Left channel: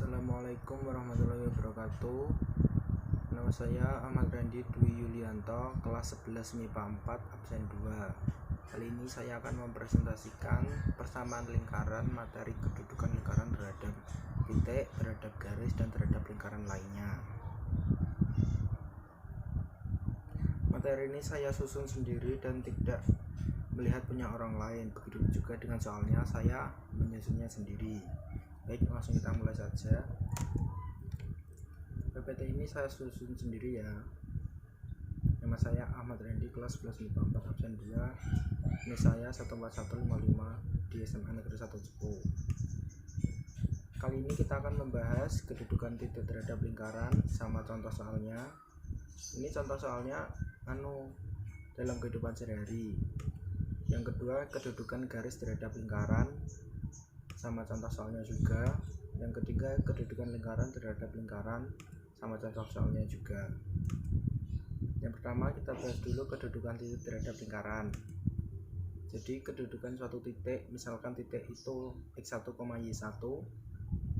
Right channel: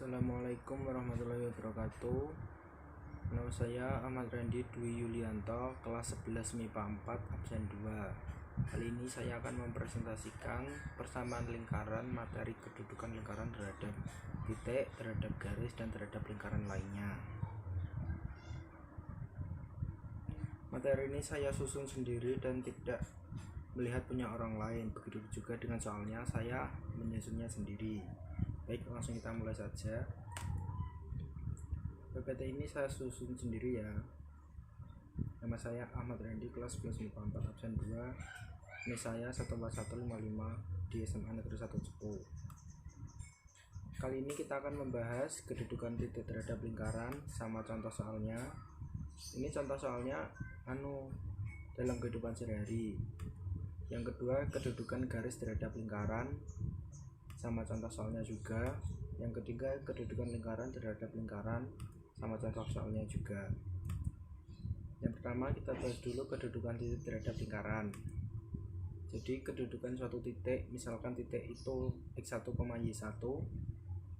Assalamualaikum warahmatullahi wabarakatuh. Nama saya Ahmad Randi Dwi Yulianto, kelas 11 MIPA 4 absen 2. Kali ini saya akan mempresentasikan persamaan lingkaran, materi kedudukan lingkaran terhadap titik, terhadap garis, dan terhadap lingkaran lainnya. Materi ini saya susun sendiri dan tidak melihat punya orang lain. Begitu juga dengan soalnya, saya menyusunnya sendiri. Baik, langsung kita mulai saja. PPT ini saya susun sendiri ya. Nama saya Ahmad Randi, kelas 11 MIPA 4 absen 2. Ini saya 14155 di SMA Negeri 1 Cepu. Kali ini kita akan membahas kedudukan titik terhadap lingkaran sama contoh soalnya. Ini contoh soalnya dalam kehidupan sehari-hari. Yang kedua, kedudukan garis terhadap lingkaran sama contoh soalnya juga. Yang ketiga, kedudukan lingkaran terhadap lingkaran sama contoh soalnya juga. Yang pertama, kita bahas dulu kedudukan titik terhadap lingkaran. Jadi kedudukan suatu titik, misalkan titik itu x1, y1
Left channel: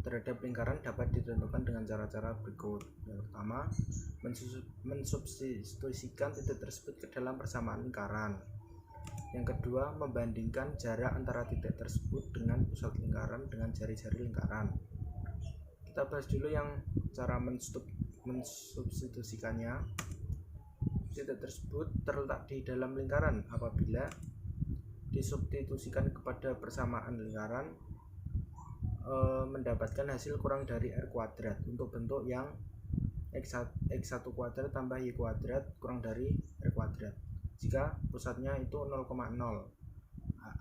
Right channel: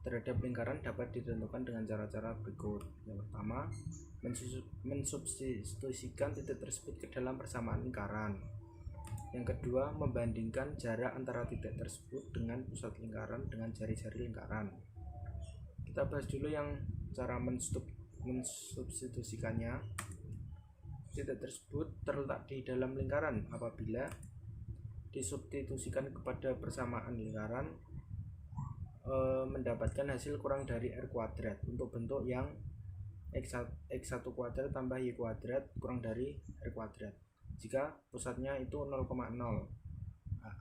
terhadap lingkaran dapat ditentukan dengan cara-cara berikut. Yang pertama, mensubstitusikan titik tersebut ke dalam persamaan lingkaran. Yang kedua, membandingkan jarak antara titik tersebut dengan pusat lingkaran dengan jari-jari lingkaran. Kita bahas dulu yang cara mensubstitusikannya. Titik tersebut terletak di dalam lingkaran. Apabila disubstitusikan kepada persamaan lingkaran, mendapatkan hasil kurang dari R kuadrat untuk bentuk yang x1 kuadrat tambah y kuadrat kurang dari R kuadrat. Jika pusatnya itu 0,0,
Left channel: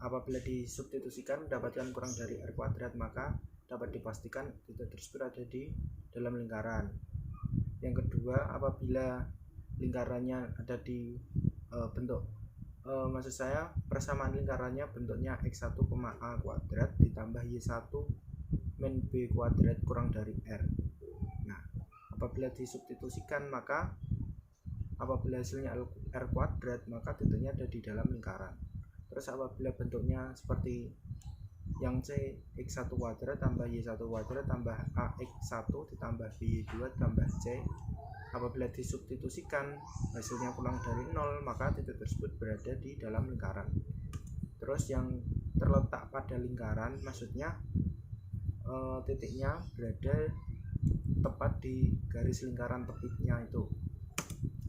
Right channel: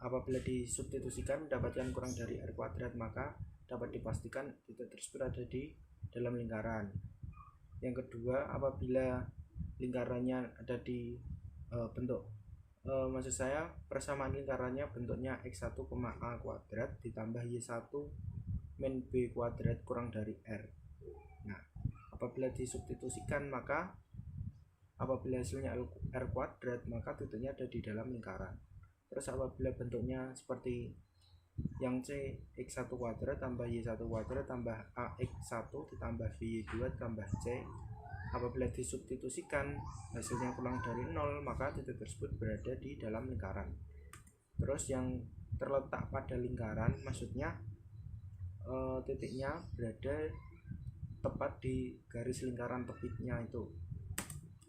apabila disubstitusikan mendapatkan kurang dari R kuadrat, maka dapat dipastikan titik tersebut ada di dalam lingkaran. Yang kedua, apabila lingkarannya ada di persamaan lingkarannya bentuknya x1, a kuadrat ditambah y1 min b kuadrat kurang dari R. Nah, apabila disubstitusikan, maka apabila hasilnya R kuadrat, maka titiknya ada di dalam lingkaran. Terus apabila bentuknya seperti yang C, x1 kuadrat tambah y1 kuadrat tambah ax1 ditambah by2 tambah c, apabila disubstitusikan hasilnya kurang dari 0, maka titik tersebut berada di dalam lingkaran. Terus yang terletak pada lingkaran, maksudnya titiknya berada tepat di garis lingkaran tepitnya itu.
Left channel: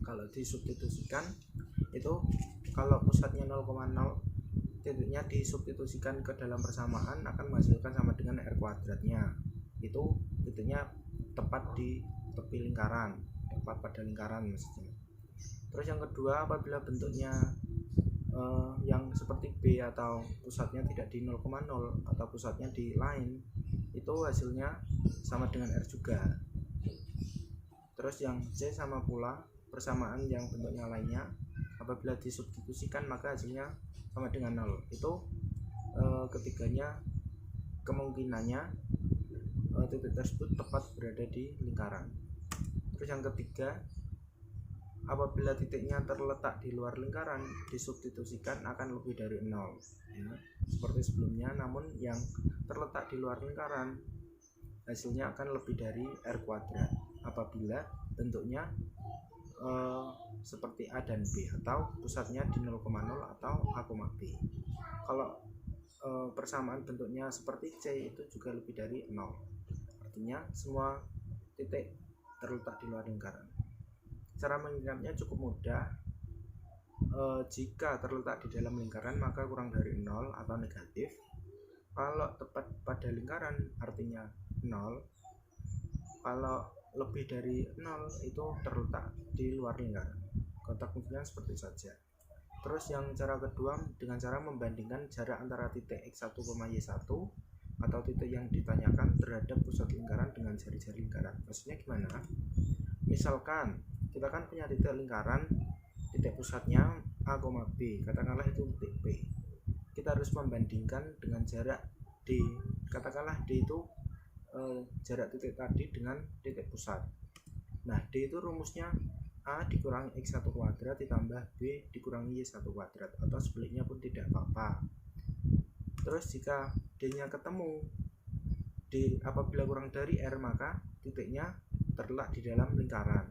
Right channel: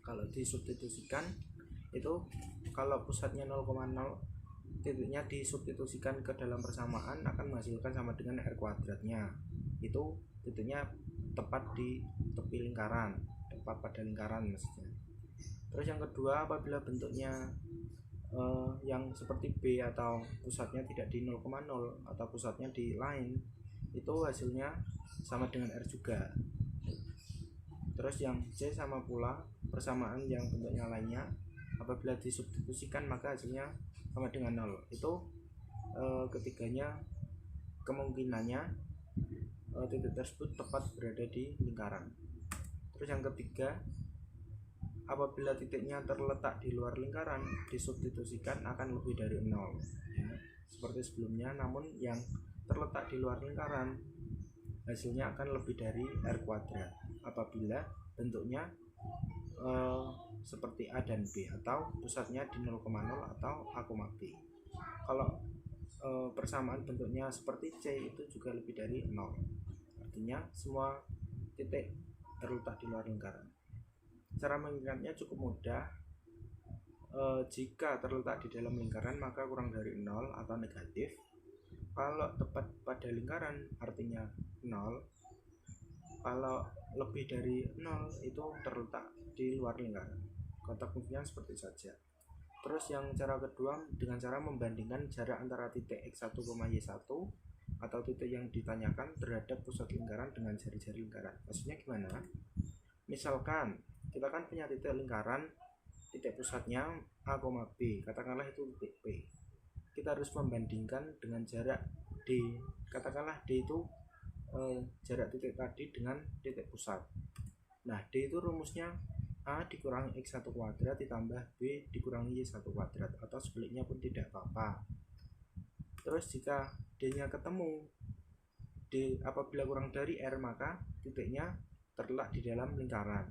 Kalau disubstitusikan itu, kalau pusatnya 0,0, titiknya disubstitusikan ke dalam persamaan akan menghasilkan sama dengan R kuadratnya. Itu titiknya tepat di tepi lingkaran, tepat pada lingkaran maksudnya. Terus yang kedua, apabila bentuknya yang seperti B atau pusatnya tidak di 0,0 atau pusatnya di lain, itu hasilnya sama dengan R juga. Terus yang C sama pula persamaan yang bentuknya lainnya, apabila disubstitusikan maka hasilnya sama dengan 0. Itu ketiganya kemungkinannya titik tersebut tepat berada di lingkaran. Terus yang ketiga, apabila titiknya terletak di luar lingkaran, disubstitusikan akan lebih dari 0 ya, seperti sebelumnya. Namun yang terletak di luar lingkaran hasilnya akan lebih dari R kuadrat apabila bentuknya seperti A dan B atau pusatnya di 0,0 atau A, B. Kalau persamaan bentuknya seperti C, itu juga lebih dari 0. Artinya semua titik terletak di luar lingkaran. Cara mengingatnya cukup mudah. Jika terletak di dalam lingkaran maka kurang dari 0 atau negatif. Kalau tepat pada lingkaran artinya 0. Kalau lebih dari 0 itu terletak di luar lingkaran. Kotak fungsinya seperti saja. Terus yang cara kedua, dengan cara membandingkan jarak antara titik x1, y1 atau titik yang ditanyakan terhadap pusat lingkaran dengan jari-jari lingkaran. Maksudnya gimana? Misalkan kita kan punya titik lingkaran, titik pusatnya A, B, katakanlah itu titik P. Kita harus membandingkan dengan jarak D, katakanlah D itu jarak titik tadi dengan titik pusat. Nah, D itu rumusnya A dikurangi x1 kuadrat ditambah B dikurangi y1 kuadrat, atau sebaliknya pun tidak apa-apa. Terus jika D nya ketemu, D apabila kurang dari R maka titiknya terletak di dalam lingkaran.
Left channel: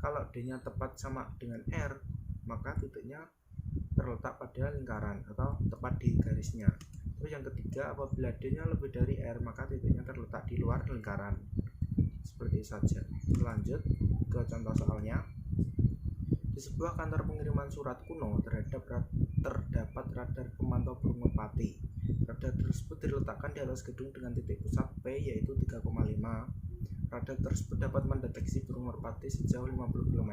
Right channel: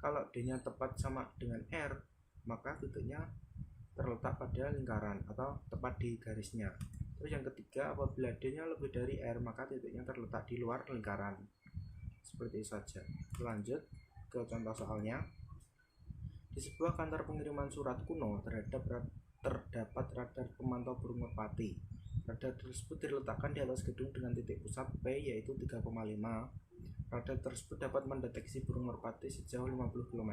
Kalau D-nya tepat sama dengan R maka titiknya terletak pada lingkaran atau tepat di garisnya. Terus yang ketiga, apabila D-nya lebih dari R maka titiknya terletak di luar lingkaran. Seperti itu saja. Lanjut ke contoh soalnya. Di sebuah kantor pengiriman surat kuno terdapat radar pemantau burung merpati. Radar tersebut diletakkan di atas gedung dengan titik pusat P yaitu 3,5. Radar tersebut dapat mendeteksi burung merpati sejauh 50 km.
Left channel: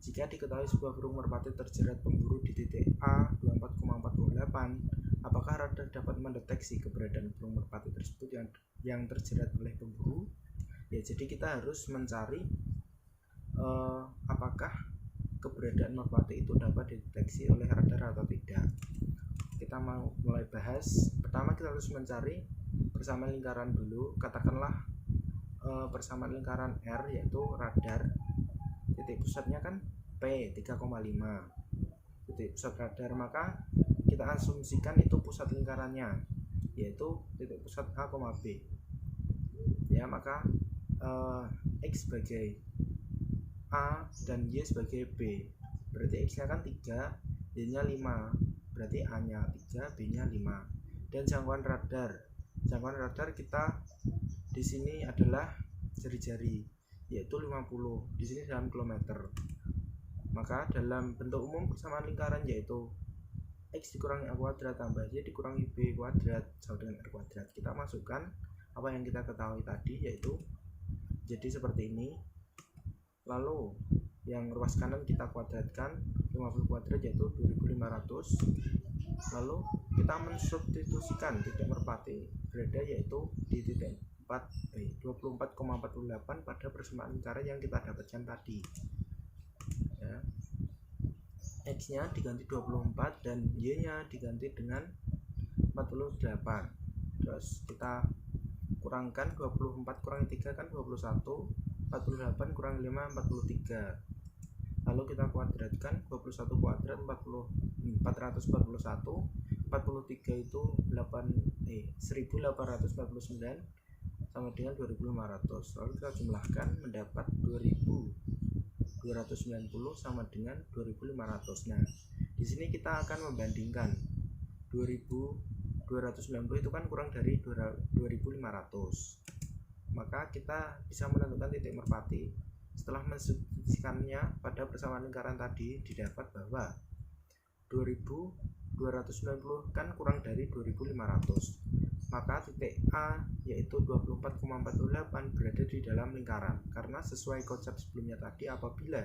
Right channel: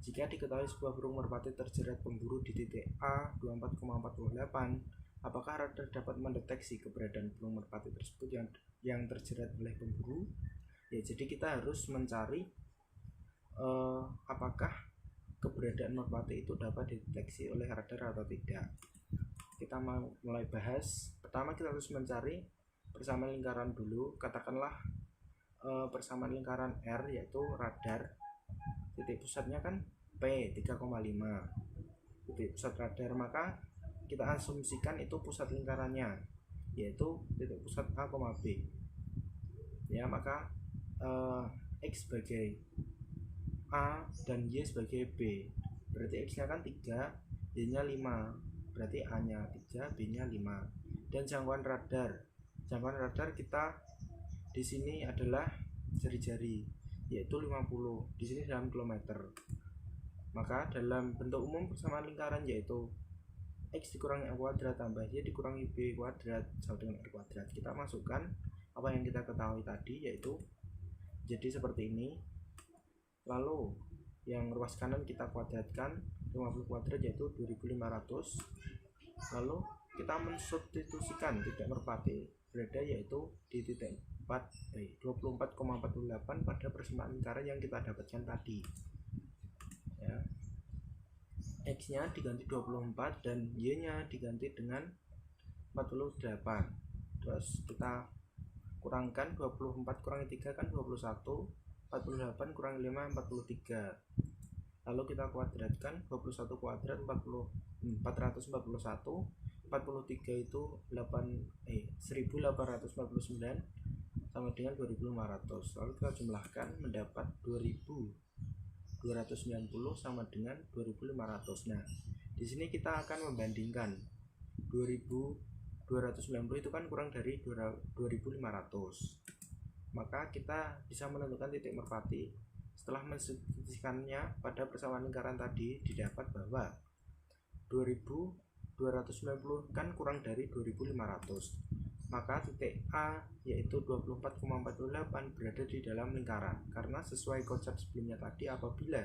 Jika diketahui sebuah burung merpati terjerat pemburu di titik A 24,48, apakah radar dapat mendeteksi keberadaan burung merpati tersebut yang terjerat oleh pemburu? Ya, jadi kita harus mencari apakah keberadaan merpati itu dapat dideteksi oleh radar atau tidak. Kita mau mulai bahas. Pertama kita harus mencari persamaan lingkaran dulu. Katakanlah persamaan lingkaran R yaitu radar. Titik pusatnya kan P 3,5. Titik pusat radar, maka kita asumsikan itu pusat lingkarannya yaitu titik pusat A, B. Ya, maka X sebagai A dan Y sebagai B. Berarti X nya kan 3, Y nya 5. Berarti A nya 3, B nya 5. Dan jangkauan radar kita di sini adalah jari-jari yaitu 50. Di sini dalam kilometer. Maka dalam bentuk umum persamaan lingkaran yaitu X dikurangi A kuadrat tambah Y dikurangi B kuadrat sama dengan R kuadrat. Kita masukkan apa yang kita ketahui tadi yaitu jadi seperti ini. Lalu yang ruas kanan kita kuadratkan 50 kuadrat yaitu 2500. Lalu kita mensubstitusikan titik merpati berada yaitu di titik 24,48 pada persamaan lingkaran yang kita dapatkan tadi. Ya. X nya diganti 24 dan Y nya diganti dengan 48. Terus kita kurangkan 24 kurangi 3 kan 21, 48 kurangi 5 43. Lalu kita kuadratkan 21 kuadrat 441, 43 itu 1849 sama dengan 2500. Lalu kita jumlahkan mendapat 2290 sama dengan 2500. Nah, di sini kita akan membandingkan 2290 itu kan kurang dari 2500. Maka kita bisa menentukan titik merpati. Setelah mensubstitusikannya pada persamaan lingkaran tadi, didapat bahwa 2290 kan kurang dari 2500. Maka titik A yaitu 24,48 berada di dalam lingkaran. Karena sesuai konsep sebelumnya tadi, apabila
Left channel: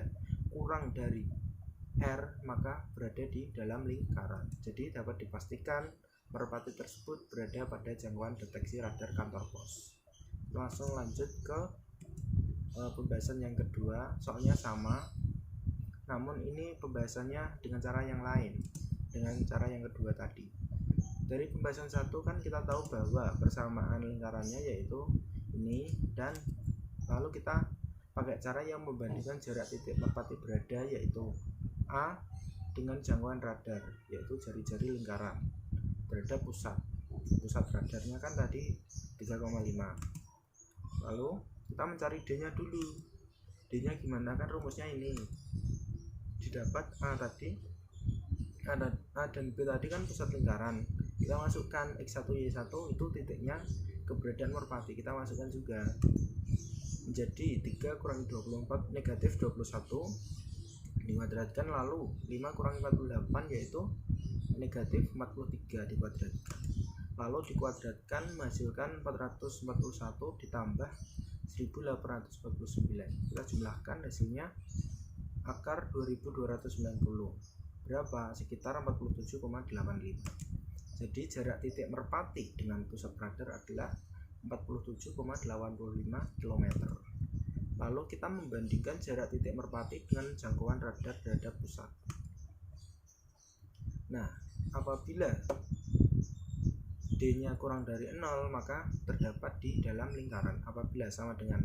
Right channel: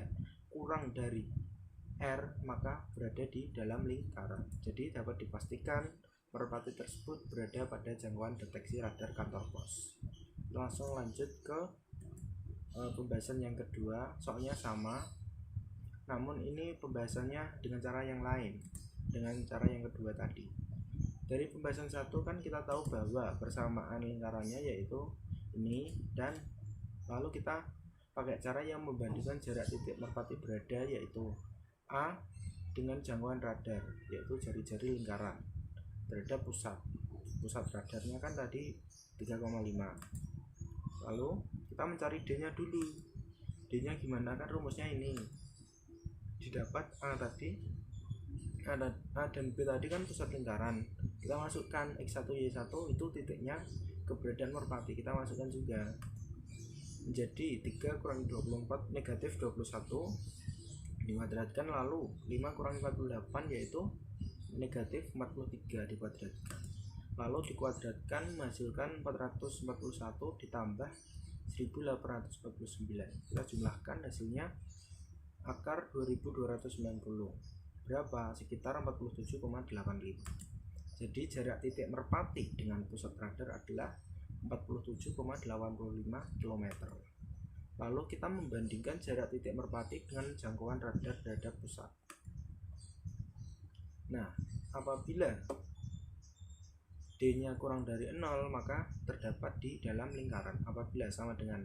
kurang dari R maka berada di dalam lingkaran. Jadi dapat dipastikan merpati tersebut berada pada jangkauan deteksi radar kantor pos. Langsung lanjut ke pembahasan yang kedua. Soalnya sama, namun ini pembahasannya dengan cara yang lain, dengan cara yang kedua tadi. Dari pembahasan satu kan kita tahu bahwa persamaan lingkarannya yaitu ini, dan lalu kita pakai cara yang membandingkan jarak titik merpati berada yaitu A dengan jangkauan radar yaitu jari-jari lingkaran terhadap pusat radarnya kan tadi 3,5. Lalu kita mencari D nya dulu. D nya gimana, kan rumusnya ini didapat A dan B tadi kan pusat lingkaran. Kita masukkan X1 Y1 itu titiknya keberadaan merpati, kita masukkan juga. Menjadi 3 kurangi 24 negatif 21 dikuadratkan, lalu 5 kurangi 48 yaitu negatif 43 dikuadratkan. Lalu dikuadratkan menghasilkan 441 ditambah 1849. Kita jumlahkan hasilnya akar 2290. Berapa? Sekitar 47,85. Jadi jarak titik merpati dengan pusat radar adalah 47,85 km. Lalu kita membandingkan jarak titik merpati dengan jangkauan radar terhadap pusat. Nah, apabila D-nya kurang dari 0 maka terdapat di dalam lingkaran. Apabila sama dengan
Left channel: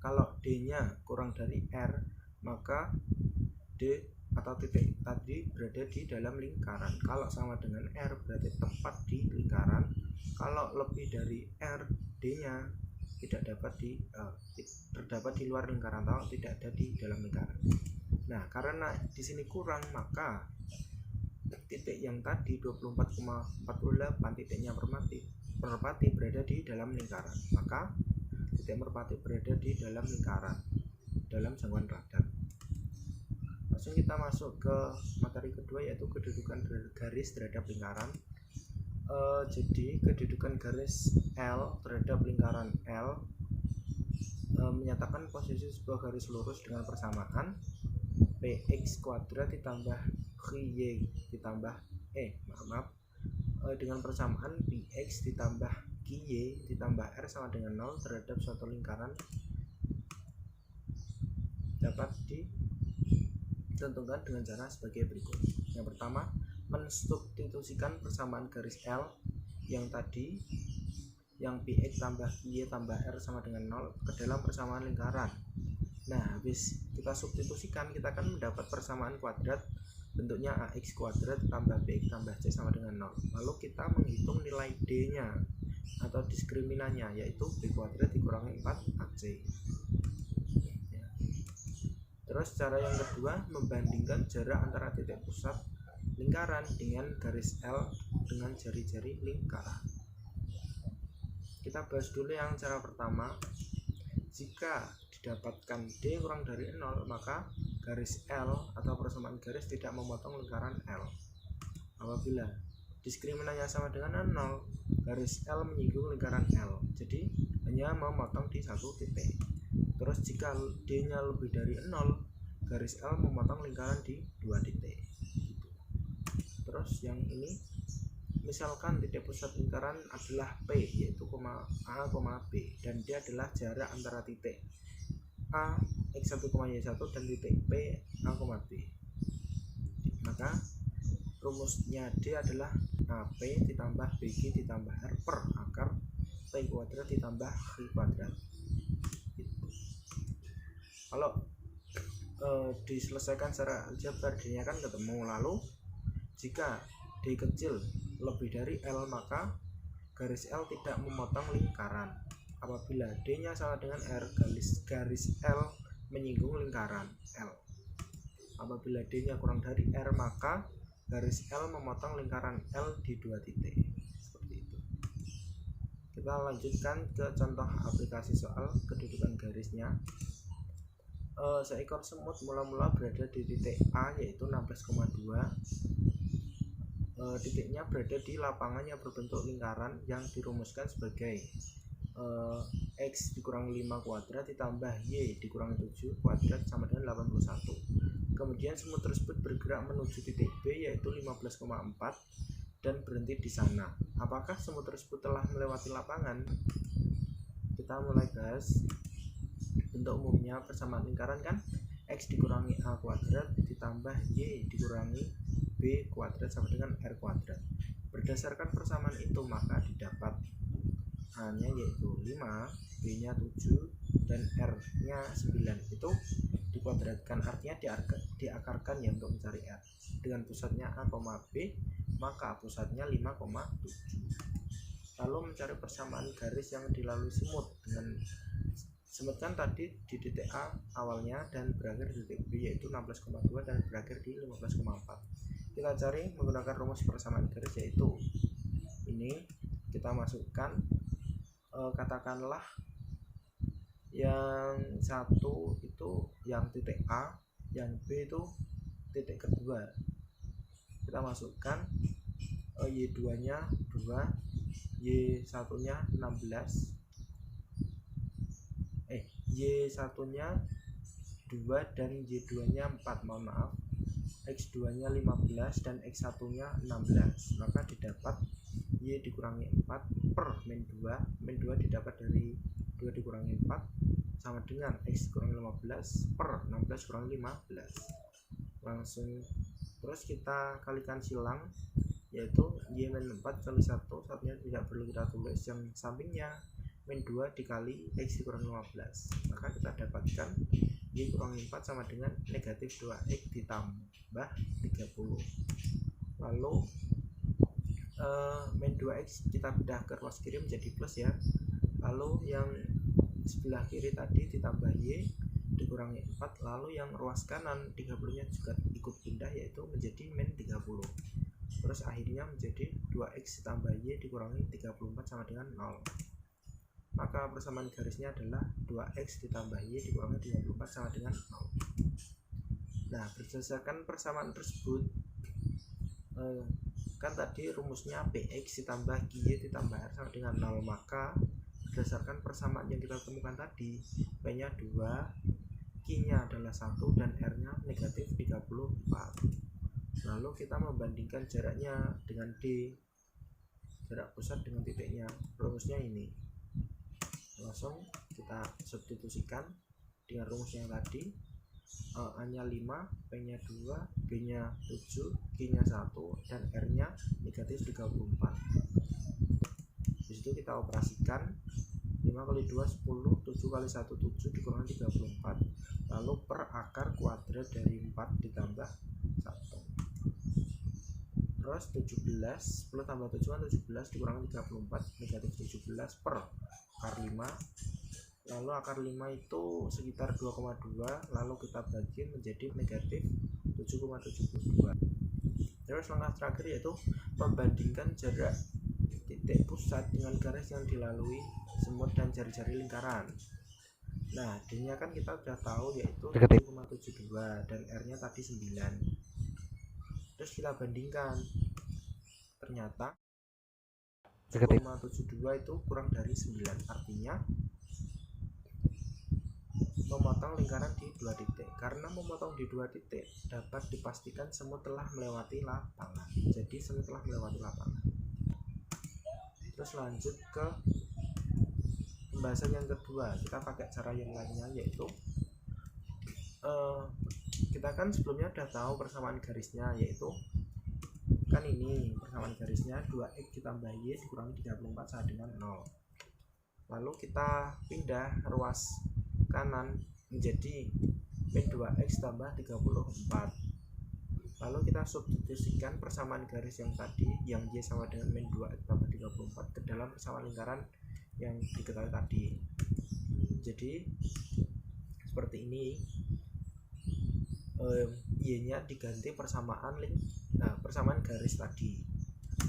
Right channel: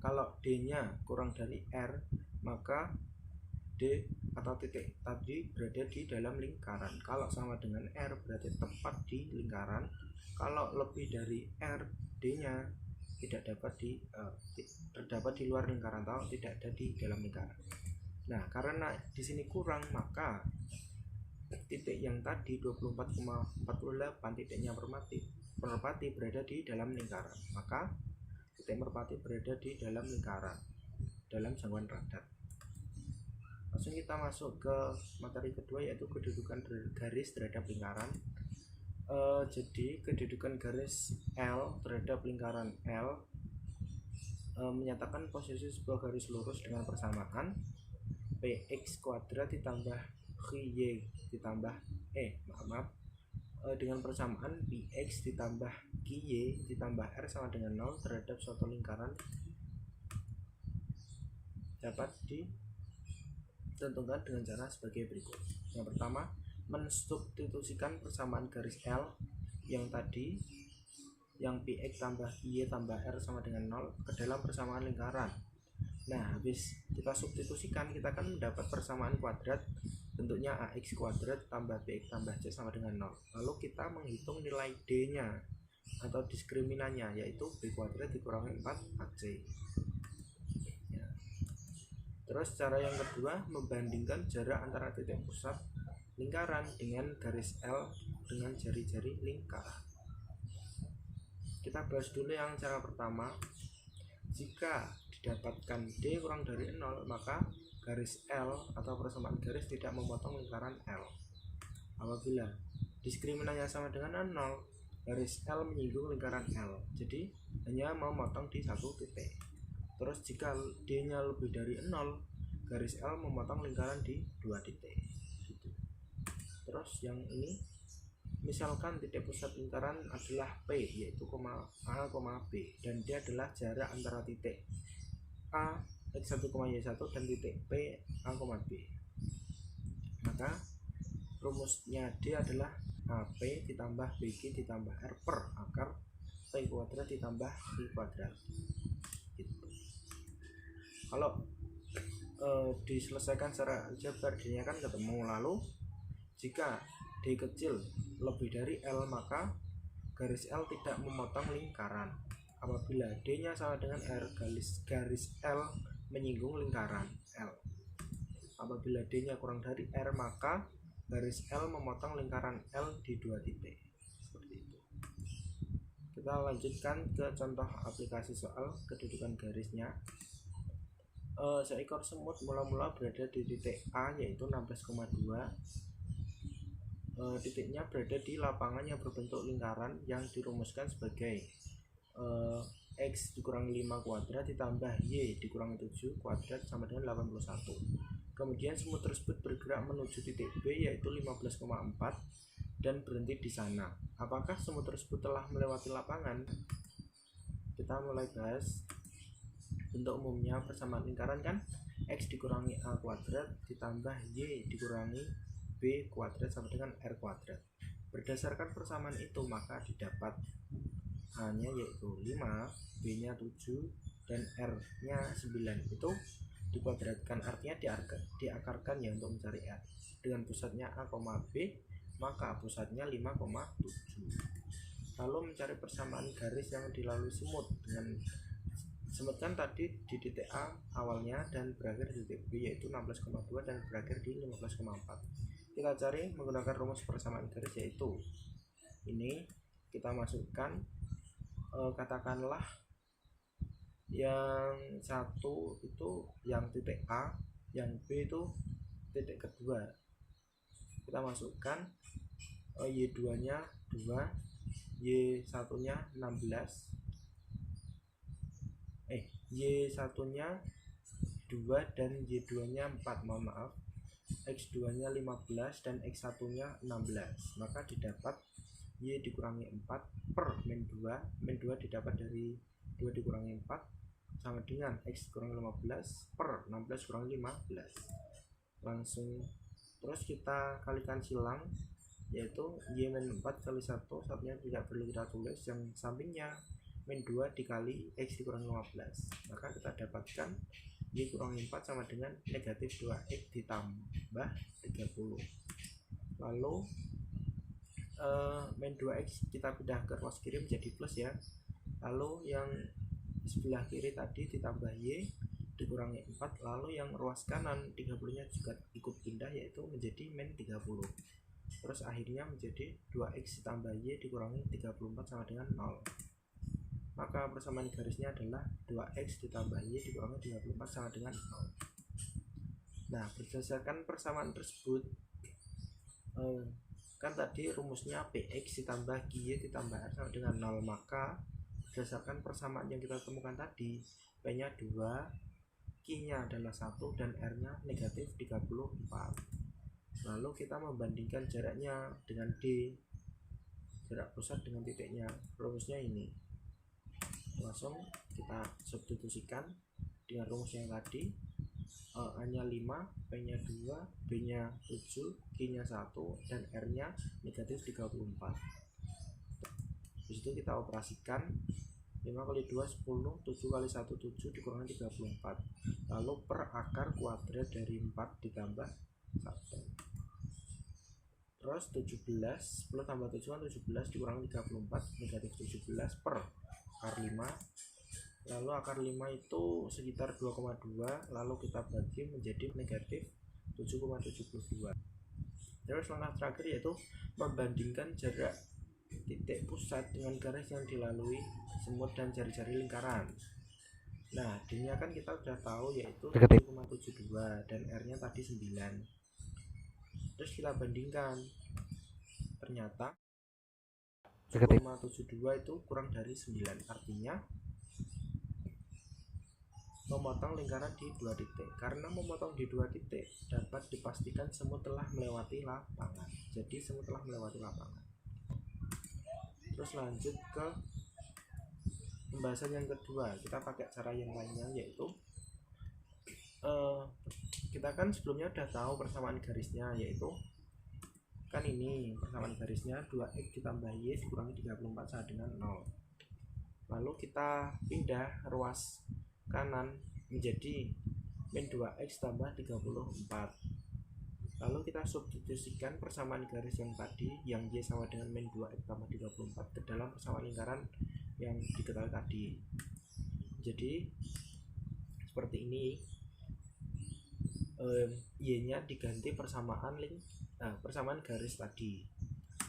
kalau D-nya kurang dari R maka D atau titik tadi berada di dalam lingkaran. Kalau sama dengan R berarti tepat di lingkaran. Kalau lebih dari R, D-nya tidak dapat terdapat di luar lingkaran atau tidak ada di dalam lingkaran. Nah, karena di sini kurang, maka titik yang tadi 24,48 titiknya merpati berada di dalam lingkaran. Maka titik merpati berada di dalam lingkaran, dalam jangkauan radar. Langsung kita masuk ke materi kedua, yaitu kedudukan garis terhadap lingkaran. Jadi kedudukan garis L terhadap lingkaran L menyatakan posisi sebuah garis lurus dengan persamaan px kuadrat ditambah qy ditambah dengan persamaan px ditambah qy ditambah r sama dengan 0 terhadap suatu lingkaran dapat ditentukan dengan cara sebagai berikut. Yang pertama, mensubstitusikan persamaan garis L yang tadi, yang px tambah qy tambah r sama dengan 0 ke dalam persamaan lingkaran. Nah, habis kita substitusikan, kita akan mendapat persamaan kuadrat bentuknya ax kuadrat tambah bx tambah c sama dengan 0. Lalu kita menghitung nilai d nya atau diskriminannya, yaitu b kuadrat dikurangi 4ac. Terus cara yang kedua, membandingkan jarak antara titik pusat lingkaran dengan garis L dengan jari-jari lingkaran. Kita bahas dulu yang cara pertama. Jika didapatkan D kurang dari 0, maka garis L atau persamaan garis tidak memotong lingkaran L. Apabila diskriminannya sama dengan 0, garis L menyinggung lingkaran L, jadi hanya memotong di satu titik. Terus jika D nya lebih dari 0, garis L memotong lingkaran di dua titik gitu. Terus yang ini, misalkan titik pusat lingkaran adalah P, yaitu A, B, dan D adalah jarak antara titik A x1, y1 dan titik P, A, B. Maka rumusnya D adalah AP ditambah BG ditambah R per akar P kuadrat ditambah Q kuadrat gitu. Kalau diselesaikan secara aljabar, D-nya kan ketemu. Lalu jika D kecil lebih dari L, maka garis L tidak memotong lingkaran. Apabila D-nya sama dengan R, garis L menyinggung lingkaran L. Apabila D-nya kurang dari R, maka garis L memotong lingkaran L di dua titik. Seperti itu. Kita lanjutkan ke contoh aplikasi soal kedudukan garisnya. Seekor semut mula-mula berada di titik A, yaitu 16,2. Titiknya berada di lapangan yang berbentuk lingkaran yang dirumuskan sebagai x dikurangi 5 kuadrat ditambah y dikurangi 7 kuadrat sama dengan 81. Kemudian semut tersebut bergerak menuju titik B, yaitu 15,4 dan berhenti di sana. Apakah semut tersebut telah melewati lapangan? Kita mulai bahas. Bentuk umumnya persamaan lingkaran kan x dikurangi a kuadrat ditambah y dikurangi b kuadrat sama dengan r kuadrat. Berdasarkan persamaan itu, maka didapat a nya yaitu 5, b nya 7, dan r nya 9. Itu dikuadratkan, artinya diakarkan ya untuk mencari r. Dengan pusatnya a, b, maka pusatnya 5,7. Lalu mencari persamaan garis yang dilalui semut. Dengan semut kan tadi di titik A awalnya dan berakhir di titik B, yaitu 16,2 dan berakhir di 15,4. Kita cari menggunakan rumus persamaan garis, yaitu ini kita masukkan, katakanlah yang satu itu yang titik A, yang B itu titik kedua. Kita masukkan Y2 nya 2, Y1 nya 16, Y1 nya 2 dan Y2 nya 4, mohon maaf, X2 nya 15 dan X1 nya 16. Maka didapat Y dikurangi 4 per min 2. Min 2 didapat dari 2 dikurangi 4 sama dengan X kurang 15 per 16 kurang 15. Langsung terus kita kalikan silang, yaitu Y min 4 kali 1, satunya tidak perlu kita tulis, yang sampingnya min 2 dikali X kurang 15. Maka kita dapatkan Y kurang 4 sama dengan negatif 2X ditambah 30. Lalu min 2x kita pindah ke ruas kiri menjadi plus ya. Lalu yang sebelah kiri tadi ditambah y dikurangi 4, lalu yang ruas kanan 30 nya juga ikut pindah yaitu menjadi min 30. Terus akhirnya menjadi 2x ditambah y dikurangi 34 sama dengan 0. Maka persamaan garisnya adalah 2x ditambah y dikurangi 34 sama dengan 0. Nah, berdasarkan persamaan tersebut kan tadi rumusnya px ditambah gy ditambah r sama dengan 0, maka berdasarkan persamaan yang kita temukan tadi, p nya 2, q nya adalah 1, dan r nya negatif 34. Lalu kita membandingkan jaraknya dengan d, jarak pusat dengan titiknya. Rumusnya ini langsung kita substitusikan dengan rumus yang tadi. A nya 5, P nya 2, B nya 7, Q nya 1, dan R nya negatif 34. Disitu kita operasikan 5 kali 2 10, 7 kali 1 7 dikurangi 34, lalu per akar kuadrat dari 4 ditambah 1. Terus 17, 10 tambah 7 kan 17 dikurangi 34, negatif 17 per akar 5. Lalu akar 5 itu sekitar 2,2, lalu kita bagi menjadi negatif 7,72. Terus langkah terakhir yaitu membandingkan jarak titik pusat dengan garis yang dilalui semut dan jari-jari lingkaran. Nah, D nya kan kita sudah tahu yaitu 7,72 dan R nya tadi 9. Terus kita bandingkan, ternyata 7,72 itu kurang dari 9, artinya memotong lingkaran di 2 titik. Karena memotong di 2 titik dapat dipastikan semut telah melewati lapangan. Jadi semut telah melewati lapangan. Terus lanjut ke pembahasan yang kedua. Kita pakai cara yang lainnya, yaitu kita kan sebelumnya udah tahu persamaan garisnya, yaitu kan ini persamaan garisnya 2x ditambah y dikurangi 34 sama dengan 0. Lalu kita pindah ruas kanan menjadi min 2x tambah 34. Lalu kita substitusikan persamaan garis yang tadi, yang y sama dengan min 2x tambah 34 ke dalam persamaan lingkaran yang diketahui tadi. Jadi seperti ini, y nya diganti persamaan garis tadi.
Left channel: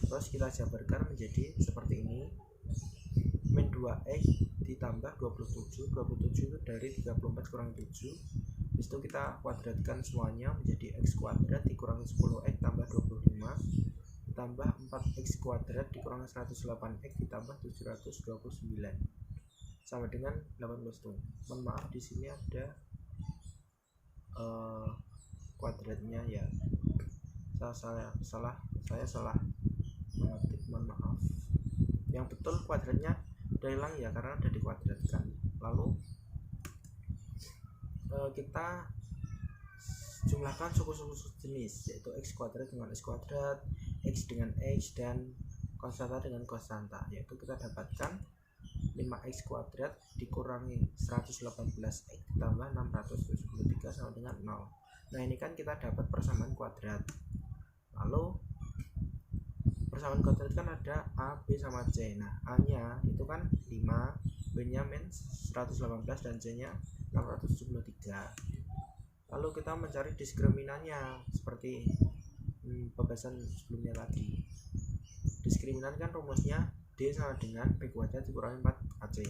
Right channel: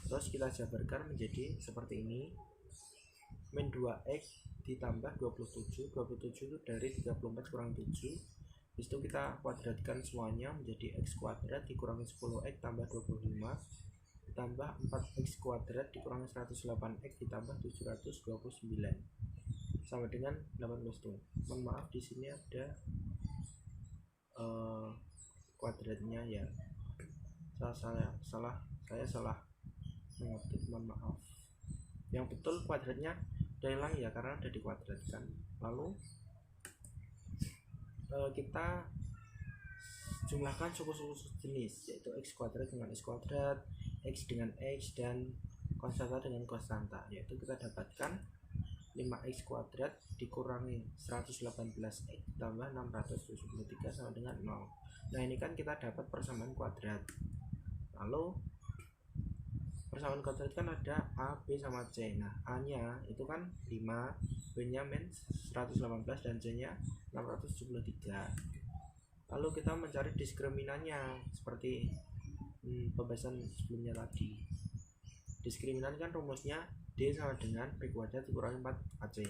Terus kita jabarkan menjadi seperti ini, min 2x ditambah 27 itu dari 34 kurang 7. Disitu kita kuadratkan semuanya menjadi x kuadrat dikurangi 10x tambah 25 ditambah 4x kuadrat dikurangi 108x ditambah 729 sama dengan 18 tuh. Mohon maaf, di sini ada kuadratnya ya, saya salah mengetik, mohon maaf. Yang betul kuadratnya udah hilang ya, karena udah dikuadratkan. Lalu kita jumlahkan suku-suku jenis, yaitu x kuadrat dengan x kuadrat, x dengan x, dan konstanta dengan konstanta. Yaitu kita dapatkan 5x kuadrat dikurangi 118x ditambah 673 sama dengan 0. Nah, ini kan kita dapat persamaan kuadrat. Lalu persamaan kuadrat kan ada A, B, sama C. Nah, A nya itu kan 5, B nya min 118, dan C nya 673. Lalu kita mencari diskriminannya seperti pembahasan sebelumnya tadi. Diskriminan kan rumusnya D sama dengan B kuadrat dikurangi 4AC.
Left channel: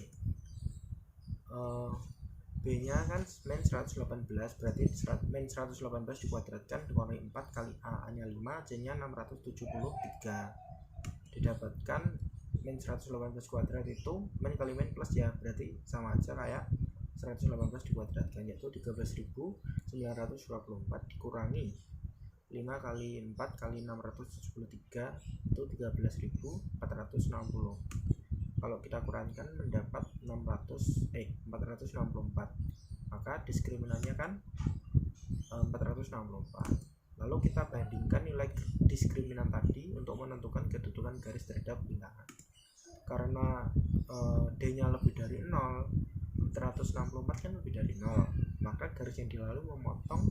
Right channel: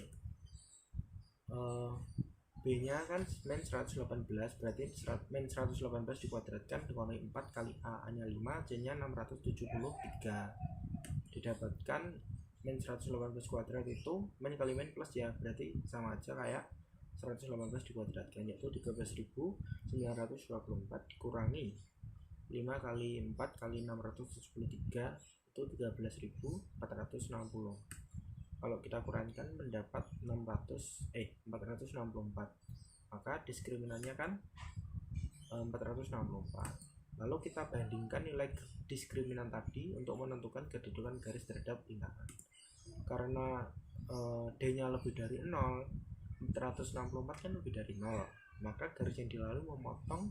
B nya kan min 118, berarti min 118 dikuadratkan dikurangi 4 kali A nya 5, C nya 673. Didapatkan min 118 kuadrat itu min kali min plus ya, berarti sama aja kayak 118 dikuadratkan, yaitu 13.924 dikurangi 5 kali 4 kali 673 itu 13.460. Kalau kita kurangkan mendapat 464, maka diskriminannya kan 464. Lalu kita bandingkan nilai diskriminan tadi untuk menentukan kedudukan garis terhadap lingkaran. Karena D nya lebih dari 0, 464 kan lebih dari 0, maka garis yang dilalui memotong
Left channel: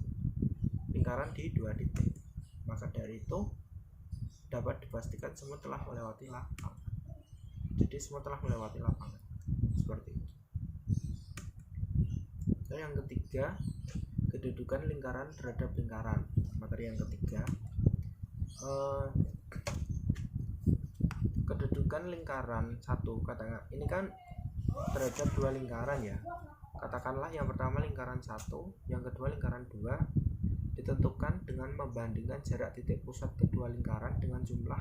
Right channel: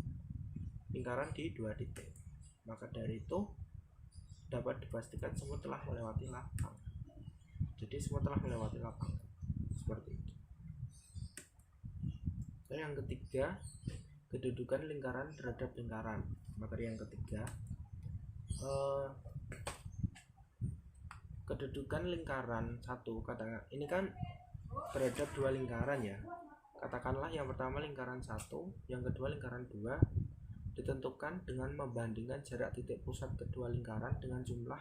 lingkaran di 2 titik. Maka dari itu dapat dipastikan semut telah melewati lapangan. Jadi semut telah melewati lapangan seperti itu. Dan yang ketiga, kedudukan lingkaran terhadap lingkaran. Materi yang ketiga, kedudukan lingkaran satu, katakan ini kan terhadap dua lingkaran ya. Katakanlah yang pertama lingkaran satu, yang kedua lingkaran dua, ditentukan dengan membandingkan jarak titik pusat kedua lingkaran dengan jumlah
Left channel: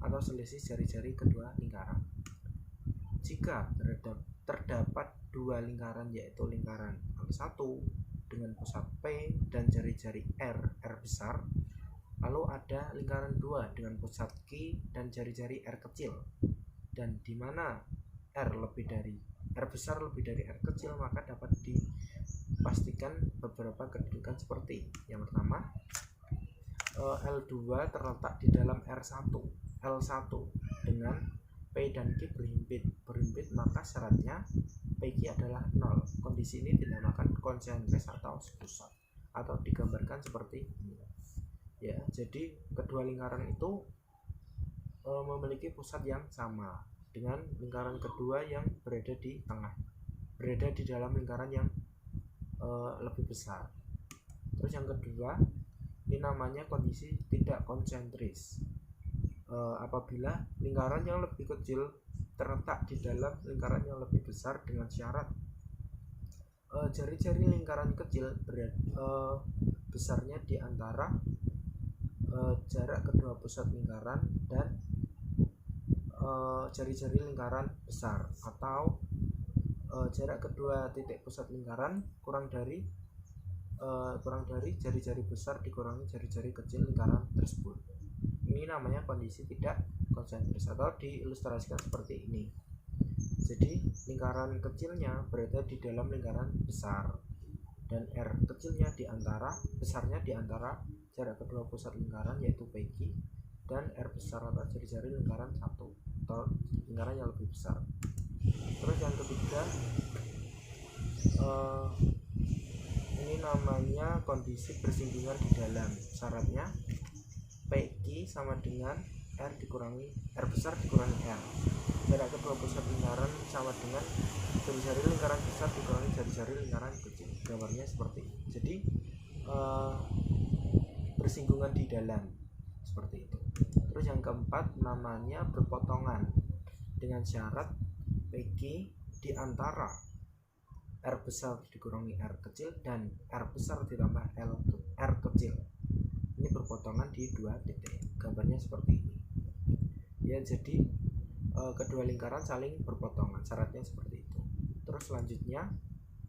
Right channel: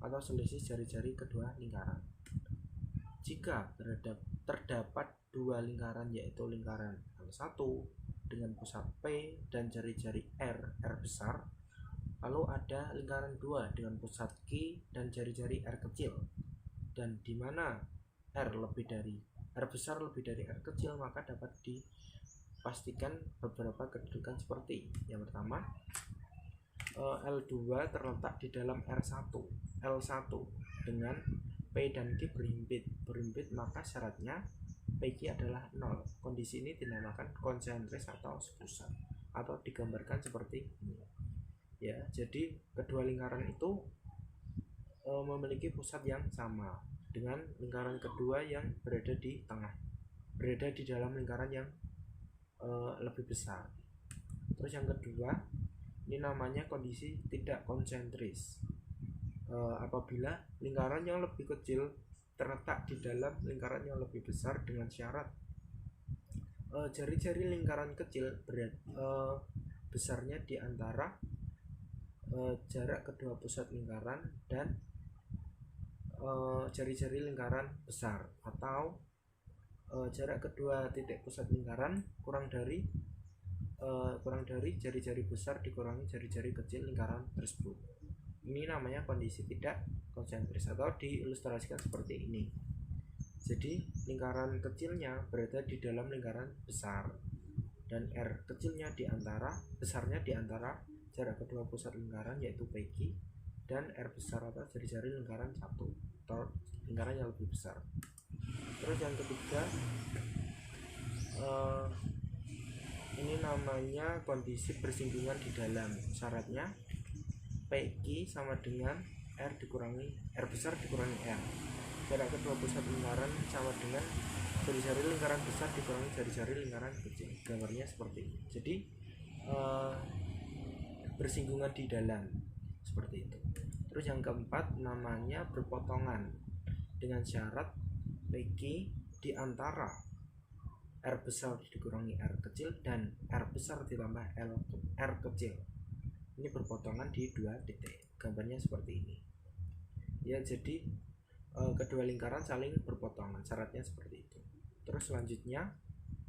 atau selisih jari-jari kedua lingkaran. Jika terdapat dua lingkaran, yaitu lingkaran L1 dengan pusat P dan jari-jari R besar, lalu ada lingkaran 2 dengan pusat Q dan jari-jari R kecil, dan di mana R besar lebih dari R kecil, maka dapat dipastikan beberapa kedudukan seperti yang pertama, L2 terletak di dalam L1 dengan P dan Q berhimpit, maka syaratnya PQ adalah 0. Kondisi ini dinamakan konsentris atau sepusat, atau digambarkan seperti ini ya. Jadi kedua lingkaran itu memiliki pusat yang sama dengan lingkaran kedua yang berada di dalam lingkaran yang lebih besar. Terus yang kedua, ini namanya kondisi tidak konsentris. Apabila lingkaran yang lebih kecil terletak di dalam lingkaran yang lebih besar dengan syarat jari-jari lingkaran kecil besarnya di antara jarak kedua pusat lingkaran dan jari-jari lingkaran besar, atau jarak kedua titik pusat lingkaran kurang dari jari-jari besar dikurangi jari-jari kecil lingkaran tersebut. Ini namanya kondisi tidak konsentris, atau diilustrasikan seperti ini. Jadi lingkaran kecilnya berada di dalam lingkaran besar, dan R kecilnya besarnya di antara jarak kedua pusat lingkaran, yaitu PQ, dan R besar atau jari-jari lingkaran satu atau lingkaran yang lebih besar. Terus yang ketiga, ini namanya kondisi bersinggungan di dalam. Syaratnya PQ sama dengan R besar dikurangi R. Jarak kedua pusat lingkaran sama dengan jari-jari lingkaran besar dikurangi jari-jari lingkaran kecil. Gambarnya seperti ini. Jadi bersinggungan di dalam seperti itu. Terus yang keempat namanya berpotongan, dengan syarat PQ di antara R besar dikurangi R kecil dan R besar ditambah R kecil. Ini berpotongan di dua titik. Gambarnya seperti ini ya. Jadi kedua lingkaran saling berpotongan, syaratnya seperti itu. Terus selanjutnya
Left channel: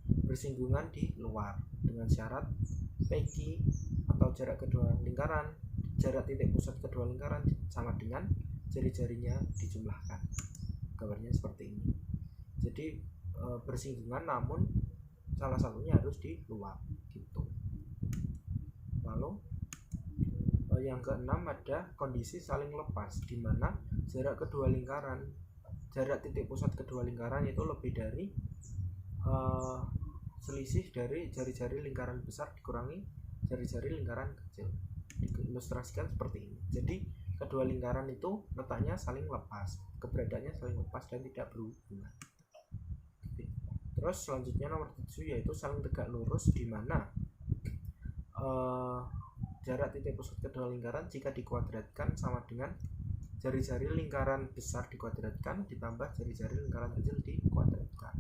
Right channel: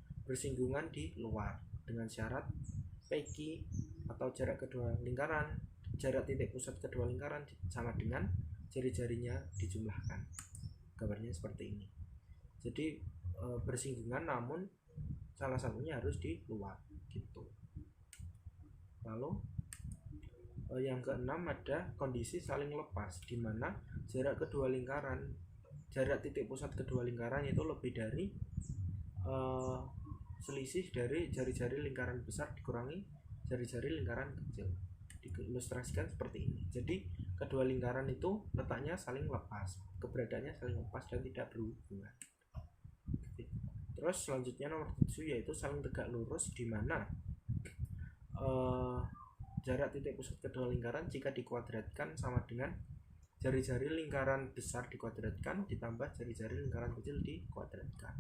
bersinggungan di luar, dengan syarat PQ atau jarak titik pusat kedua lingkaran sama dengan jari-jarinya dijumlahkan. Gambarnya seperti ini. Jadi bersinggungan namun salah satunya harus di luar gitu. Lalu yang keenam ada kondisi saling lepas, di mana jarak titik pusat kedua lingkaran itu lebih dari selisih dari jari-jari lingkaran besar dikurangi jari-jari lingkaran kecil. Diilustrasikan seperti ini. Jadi kedua lingkaran itu letaknya saling lepas, keberadaannya saling lepas dan tidak berhubungan. Terus selanjutnya nomor 7 yaitu saling tegak lurus, di mana jarak titik pusat kedua lingkaran jika dikuadratkan sama dengan jari-jari lingkaran besar dikuadratkan ditambah jari-jari lingkaran kecil dikuadratkan.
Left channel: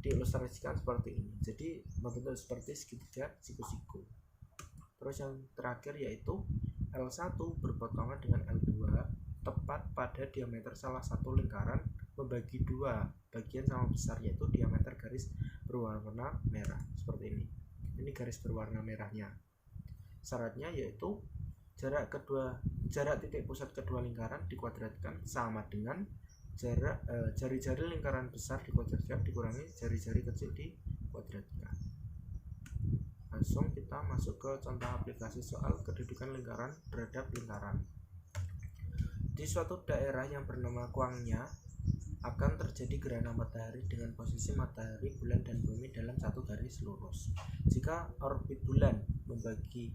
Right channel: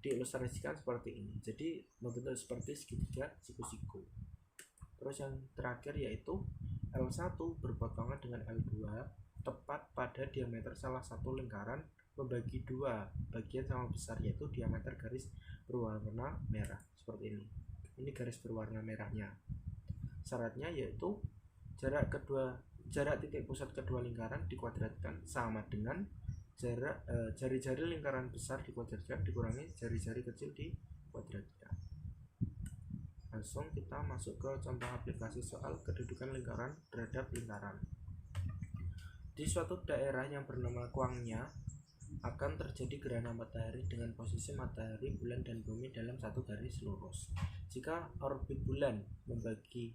Diilustrasikan seperti ini. Jadi membentuk seperti segitiga siku-siku. Terus yang terakhir yaitu L1 berpotongan dengan L2 tepat pada diameter salah satu lingkaran membagi dua bagian sama besar, yaitu diameter garis berwarna merah seperti ini. Ini garis berwarna merahnya. Syaratnya yaitu jarak titik pusat kedua lingkaran dikuadratkan sama dengan jarak jari-jari lingkaran besar dikuadratkan dikurangi jari-jari kecil dikuadratkan. Langsung kita masuk ke contoh aplikasi soal kedudukan lingkaran terhadap lingkaran. Di suatu daerah yang bernama Kwangnya akan terjadi gerhana matahari dengan posisi matahari, bulan, dan bumi dalam satu garis lurus. Jika orbit bulan membagi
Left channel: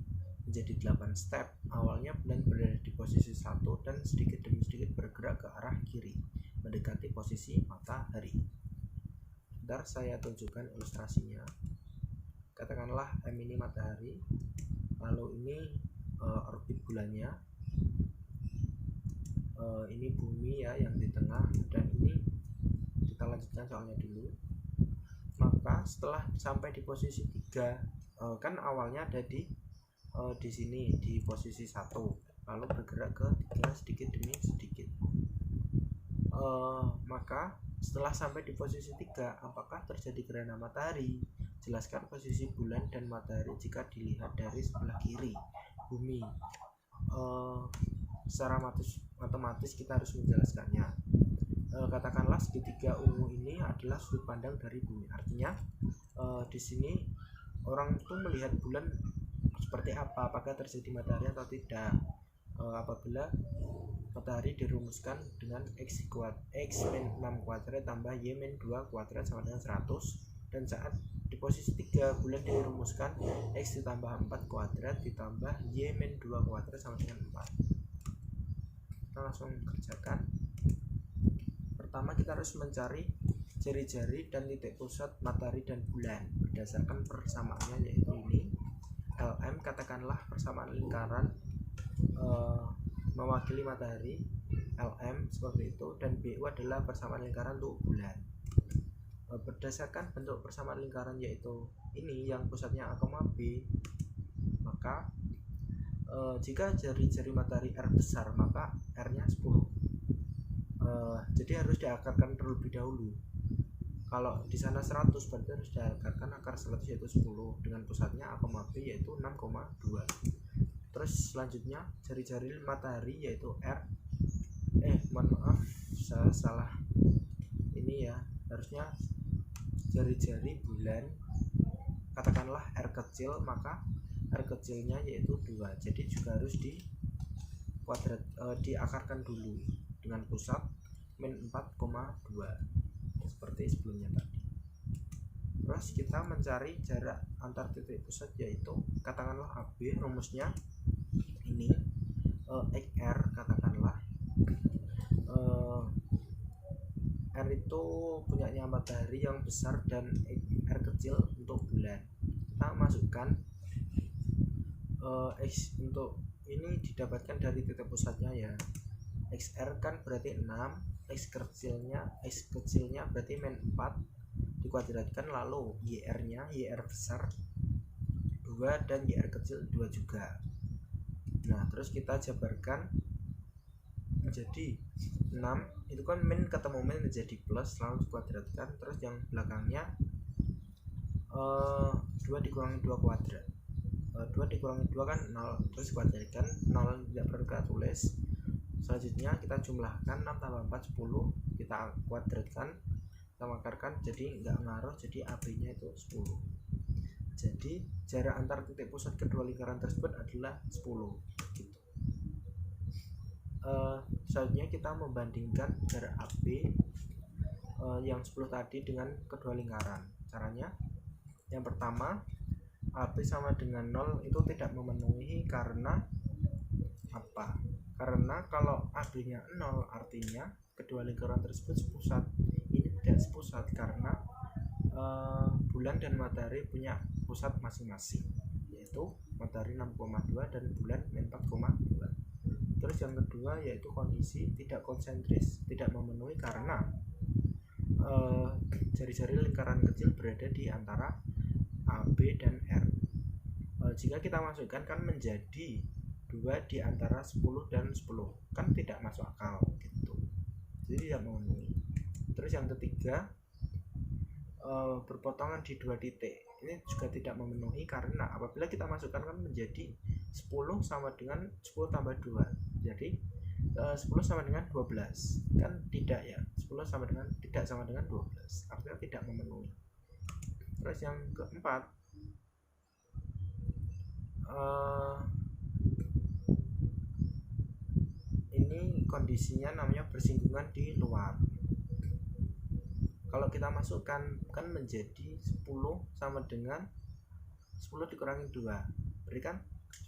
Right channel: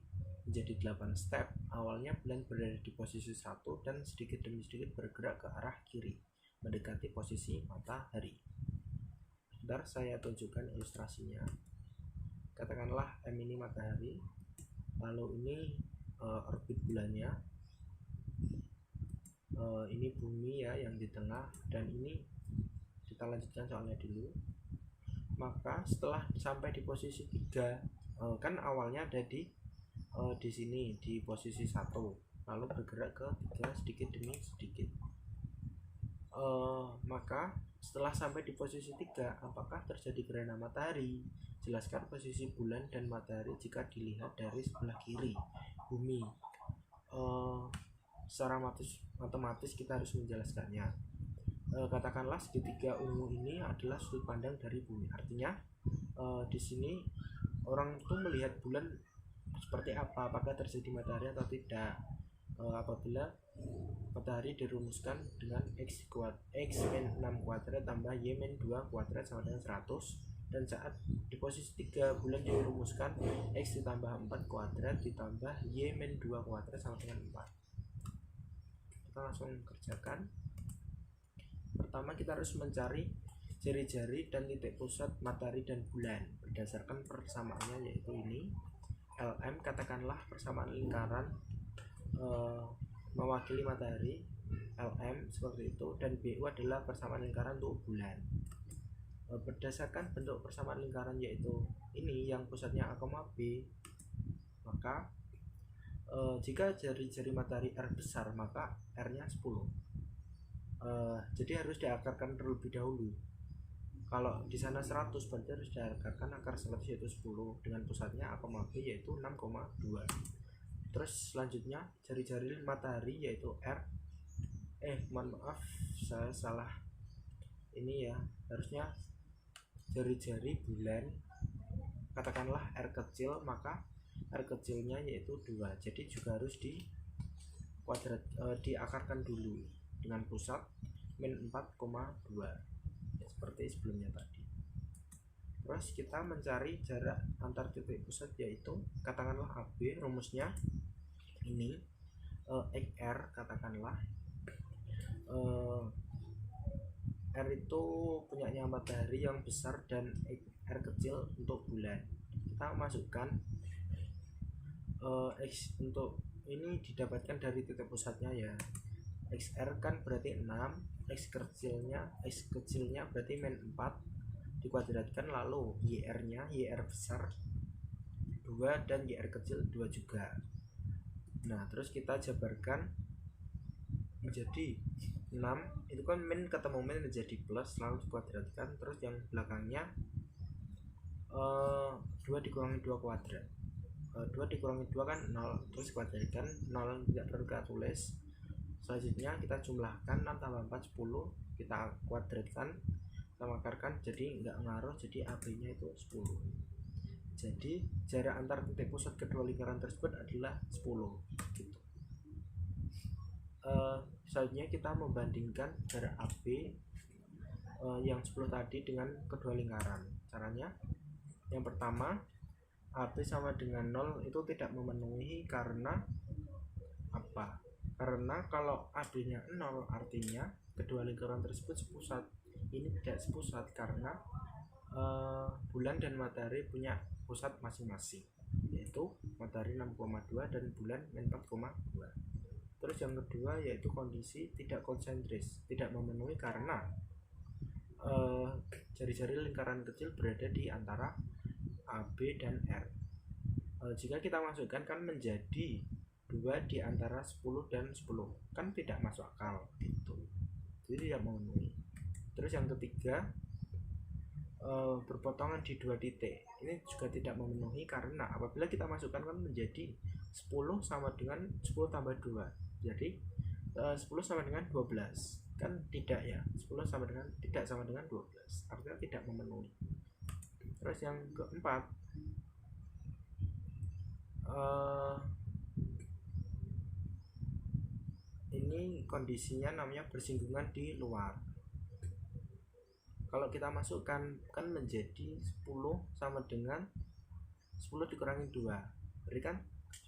menjadi 8 step. Awalnya bulan berada di posisi 1 dan sedikit demi sedikit bergerak ke arah kiri mendekati posisi matahari. Bentar saya tunjukkan ilustrasinya. Katakanlah M ini matahari, lalu ini orbit bulannya, ini bumi ya yang di tengah, dan ini kita lanjutkan soalnya dulu. Maka setelah sampai di posisi 3, kan awalnya ada di sini di posisi 1, lalu bergerak ke 3 sedikit demi sedikit. Maka setelah sampai di posisi 3, apakah terjadi gerhana matahari? Jelaskan posisi bulan dan matahari jika dilihat dari sebelah kiri bumi. Secara matematis kita harus menjelaskannya. Katakanlah segitiga ungu ini adalah sudut pandang dari bumi. Artinya di sini orang itu melihat bulan seperti apa, apakah terjadi matahari atau tidak. Apabila matahari dirumuskan dengan x min 6 kuadrat tambah y min 2 kuadrat sama dengan 100, dan saat di posisi 3 bulan dirumuskan x ditambah 4 kuadrat ditambah y min 2 kuadrat sama dengan 4. Kita langsung kerjakan. Pertama kita harus mencari jari-jari dan titik pusat matahari dan bulan berdasarkan persamaannya, yaitu ini LM. Katakanlah persamaan lingkaran mewakili matahari, LM seperti itu, dan BU adalah persamaan lingkaran untuk bulan. Berdasarkan bentuk persamaan lingkaran yaitu ini yang pusatnya A, B, maka jika jari-jari matahari R besar maka R nya 10. Jadi harus diakarkan terlebih dahulu. Kalau di sana 100 berarti harus diakarkan akar 100 yaitu 10 dengan pusatnya A, B yaitu 6,2. Terus selanjutnya jari-jari matahari yaitu R, mohon maaf saya salah ini ya, harusnya jari-jari bulan. Katakanlah R kecil, maka R kecilnya yaitu 2, jadi juga harus diakarkan dulu dengan pusat min 4,2 seperti sebelumnya tadi. Terus kita mencari jarak antar titik pusat yaitu katakanlah AB, rumusnya ini XR. Katakanlah R itu punyanya matahari yang besar dan R kecil untuk bulan. Kita masukkan X untuk ini didapatkan dari titik pusatnya ya. XR kan berarti 6, X kecilnya berarti min 4 dikuadratkan, lalu YR nya, YR besar 2 dan YR kecil 2 juga. Nah terus kita jabarkan menjadi 6, itu kan min ketemu min menjadi plus, lalu dikuadratkan, terus yang belakangnya 2 dikurangi 2 kuadrat, 2 dikurangi 2 kan 0, terus dikuadratkan, 0 tidak perlu kita tulis. Selanjutnya kita jumlahkan 6 tambah 4 10, kita kuadratkan, kita akarkan, jadi nggak ngaruh, jadi AB nya itu 10. Jadi jarak antar titik pusat kedua lingkaran tersebut adalah 10 gitu. Selanjutnya kita membandingkan jarak AB yang 10 tadi dengan kedua lingkaran. Caranya yang pertama, AB sama dengan 0 itu tidak memenuhi. Karena apa? Karena kalau AB nya 0 artinya kedua lingkaran tersebut sepusat. Ini tidak sepusat karena bulan dan matahari punya pusat masing-masing, yaitu matahari 6,2 dan bulan 4,2. Terus yang kedua yaitu kondisi tidak konsentris, tidak memenuhi karena jari-jari lingkaran kecil berada di antara AB dan R. Jika kita masukkan kan menjadi 2 di antara 10 dan 10, kan tidak masuk akal gitu, jadi tidak memenuhi. Terus yang ketiga berpotongan di 2 titik, ini juga tidak memenuhi karena apabila kita masukkan kan menjadi 10 sama dengan 10 tambah 2, jadi 10 sama dengan 12, kan tidak ya, 10 sama dengan tidak sama dengan 12, artinya tidak memenuhi. Terus yang keempat ini kondisinya namanya bersinggungan di luar. Kalau kita masukkan kan menjadi 10 sama dengan 10 dikurangi 2, berikan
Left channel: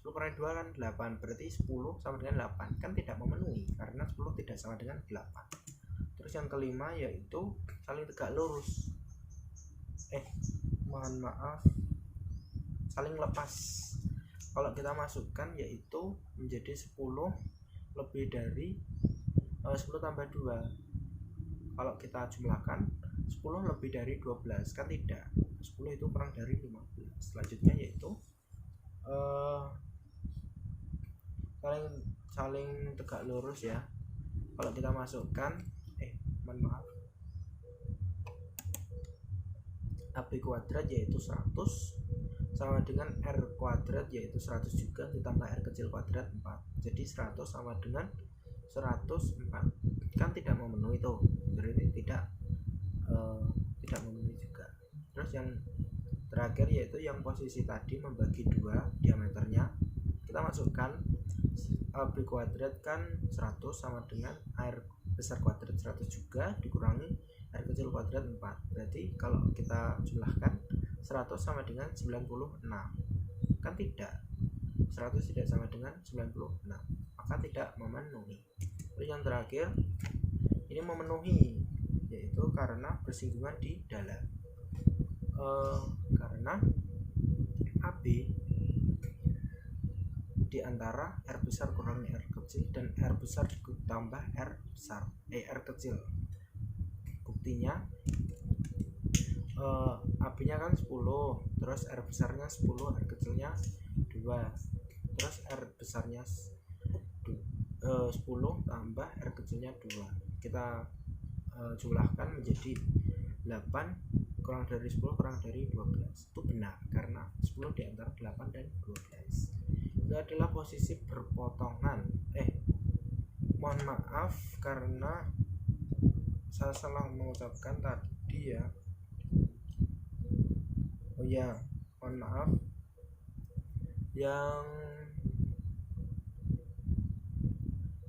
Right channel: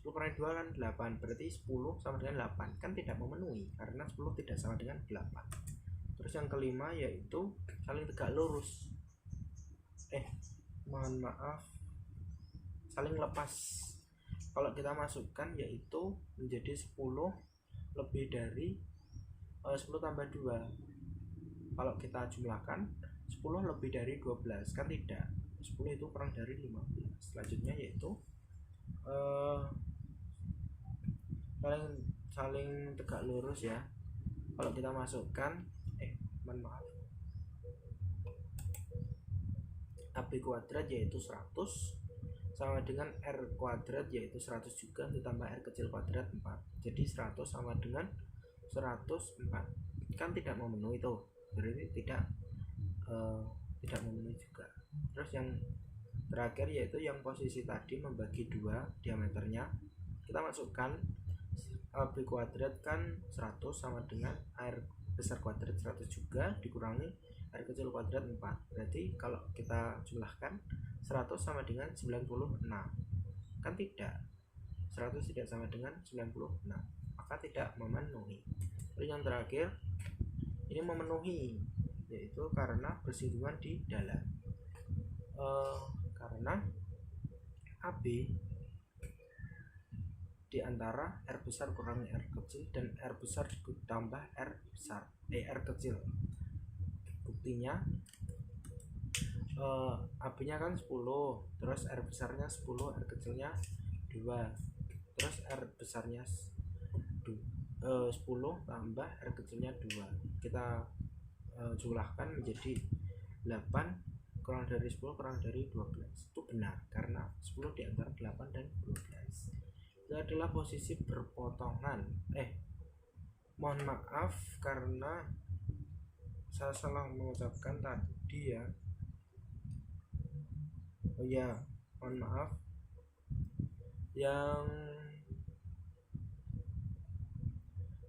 10 10 kurangi 2 kan 8, berarti 10 sama dengan 8, kan tidak memenuhi karena 10 tidak sama dengan 8. Terus yang kelima yaitu saling tegak lurus, mohon maaf, saling lepas. Kalau kita masukkan yaitu menjadi 10 lebih dari 10 tambah 2. Kalau kita jumlahkan 10 lebih dari 12, kan tidak, 10 itu kurang dari 15. Selanjutnya yaitu saling tegak lurus ya. Kalau kita masukkan mohon maaf, AB kuadrat yaitu 100 sama dengan R kuadrat yaitu 100 juga ditambah R kecil kuadrat 4, jadi 100 sama dengan 104, kan tidak memenuhi tuh, berarti tidak memenuhi juga. Terus yang terakhir yaitu yang posisi tadi membagi 2 diameternya, kita masukkan AB kuadrat kan 100 sama dengan R besar kuadrat 100 juga dikurangi R kecil kuadrat 4, berarti kalau kita jumlahkan 100 sama dengan 96, kan tidak, 100 tidak sama dengan 96, maka tidak memenuhi. Terus yang terakhir ini memenuhi, yaitu karena bersinggungan di dalam, karena AB di antara R besar kurangi R kecil dan R besar ditambah R besar R kecil. Buktinya AB nya kan 10, terus R besarnya 10, R kecilnya 2, terus R besarnya 10 tambah R kecilnya 2, kita jumlahkan menjadi 8 kurang dari 10 kurang dari 12. Itu benar karena 10 di antara 8 dan 12. Itu adalah posisi berpotongan. Mohon maaf karena saya salah mengucapkan tadi ya. Oh ya, mohon maaf.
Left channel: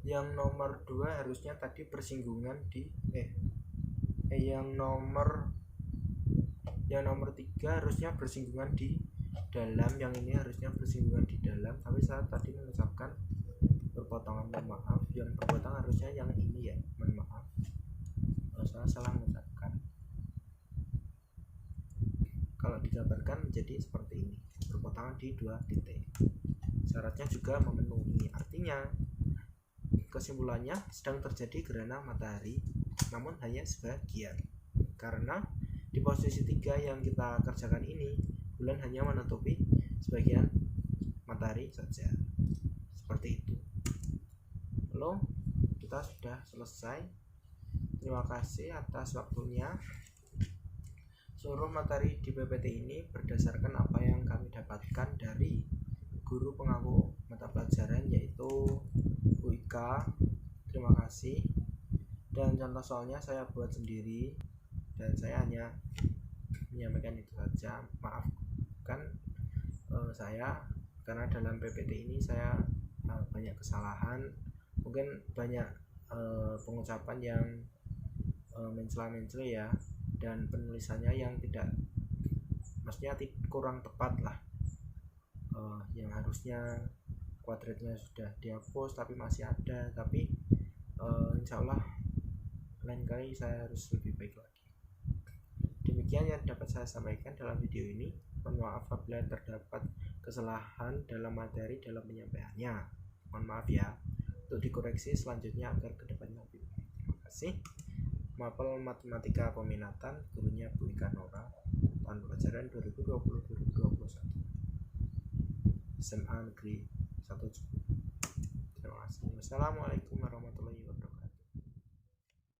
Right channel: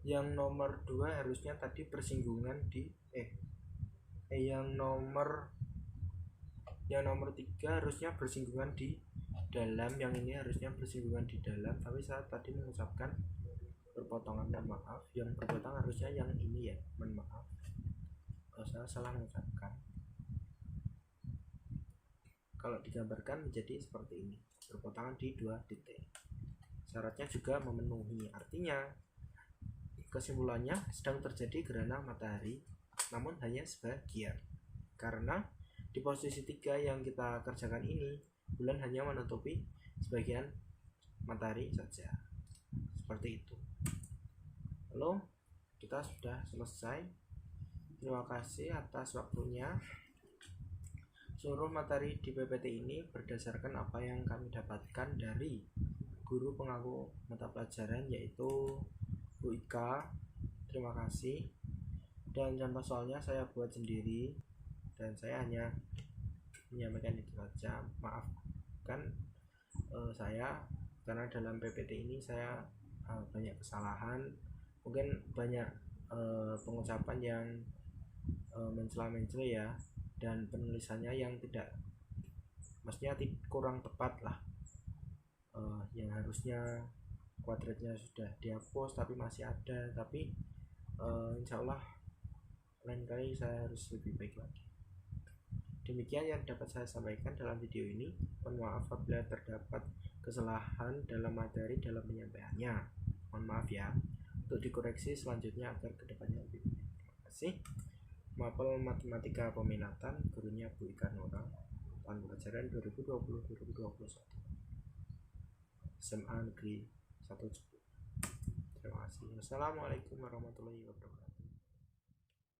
Yang nomor 2 harusnya tadi bersinggungan di yang nomor 3 harusnya bersinggungan di dalam, yang ini harusnya bersinggungan di dalam, tapi saya tadi mengucapkan berpotongan, mohon maaf. Yang berpotongan harusnya yang ini ya, mohon maaf, saya salah mengucapkan. Kalau digambarkan menjadi seperti ini, berpotongan di 2 titik. Syaratnya juga memenuhi, artinya kesimpulannya sedang terjadi gerhana matahari, namun hanya sebagian, karena di posisi 3 yang kita kerjakan ini bulan hanya menutupi sebagian matahari saja, seperti itu. Lalu kita sudah selesai. Terima kasih atas waktunya. Seluruh materi di PPT ini berdasarkan apa yang kami dapatkan dari guru pengaku mata pelajaran yaitu Bu Ika. Terima kasih. Dan contoh soalnya saya buat sendiri dan saya hanya menyampaikan itu saja. Maafkan saya karena dalam PPT ini saya banyak kesalahan, mungkin banyak pengucapan yang mencela-mencela ya, dan penulisannya yang tidak, maksudnya kurang tepat lah. Yang harusnya kuadratnya sudah dihapus tapi masih ada, tapi insya Allah lain kali saya harus lebih baik lagi. Demikian yang dapat saya sampaikan dalam video ini. Mohon maaf apabila terdapat kesalahan dalam materi dalam penyampaiannya. Mohon maaf ya, untuk dikoreksi selanjutnya agar kedepannya lebih baik. Terima kasih. Mapel Matematika Peminatan, gurunya Bu Ika Nora, tahun pelajaran 2020-2021, SMA Negeri 1 Jepun. Terima kasih. Wassalamualaikum warahmatullahi wabarakatuh.